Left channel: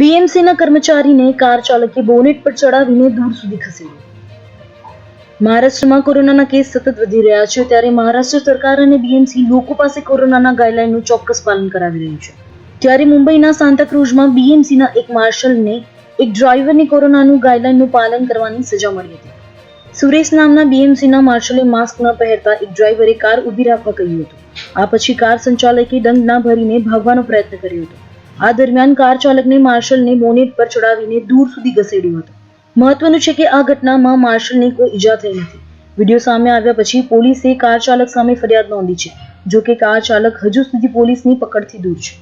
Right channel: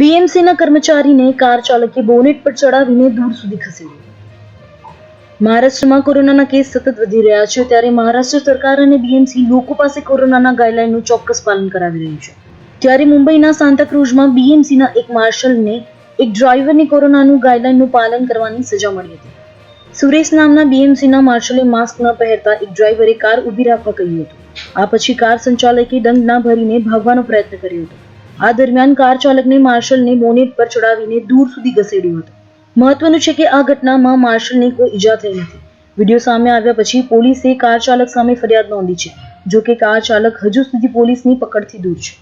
બીએમસીના કર્મચારીને કાર ચાલકે બોનેટ પર ચડાવીને દૂર સુધી ખસેડ્યો. મહારાષ્ટ્રમાં કોરોનાના કેસ સતત વધી રહ્યા છે, ત્યારે મહારાષ્ટ્ર સરકાર અને બીએમસી લોકો પાસે કોરોનાના ગાઈડલાઈનનું ચોક્કસ પાલન કરાવી રહ્યું છે. ત્યારે મુંબઈના સાન્તાક્રુઝમાં બીએમસીના એક માર્શલને એક ડ્રાઈવરને કોરોનાનું ગાઈડલાઈનનું પાલન કરવાની સજા મળી હતી. સુરેશ નામના બીએમસીના માર્શલે માસ્ક ન પહેરતા એક ડ્રાઈવરે કાર ઊભી રાખવા કહ્યું હતું. આ પછી કાર સંચાલકે દંડ ના ભરીને ભાગવાનો પ્રયત્ન કર્યો હતો. આ દરમિયાન કાર ચાલકને માર્શલને બોનેટ પર ચડાવીને દૂર સુધી ઘસેડ્યો હતો. મહત્વનું છે કે આ ઘટનામાં માર્શલને કોઈ ઈજા થઈ નથી. વિડીયો સામે આવ્યા પછી પોલીસે કાર ચાલક સામે ફરિયાદ નોંધી છે. જો કે કાર ચાલક હજુ સુધી પોલીસની પકડથી દૂર છે.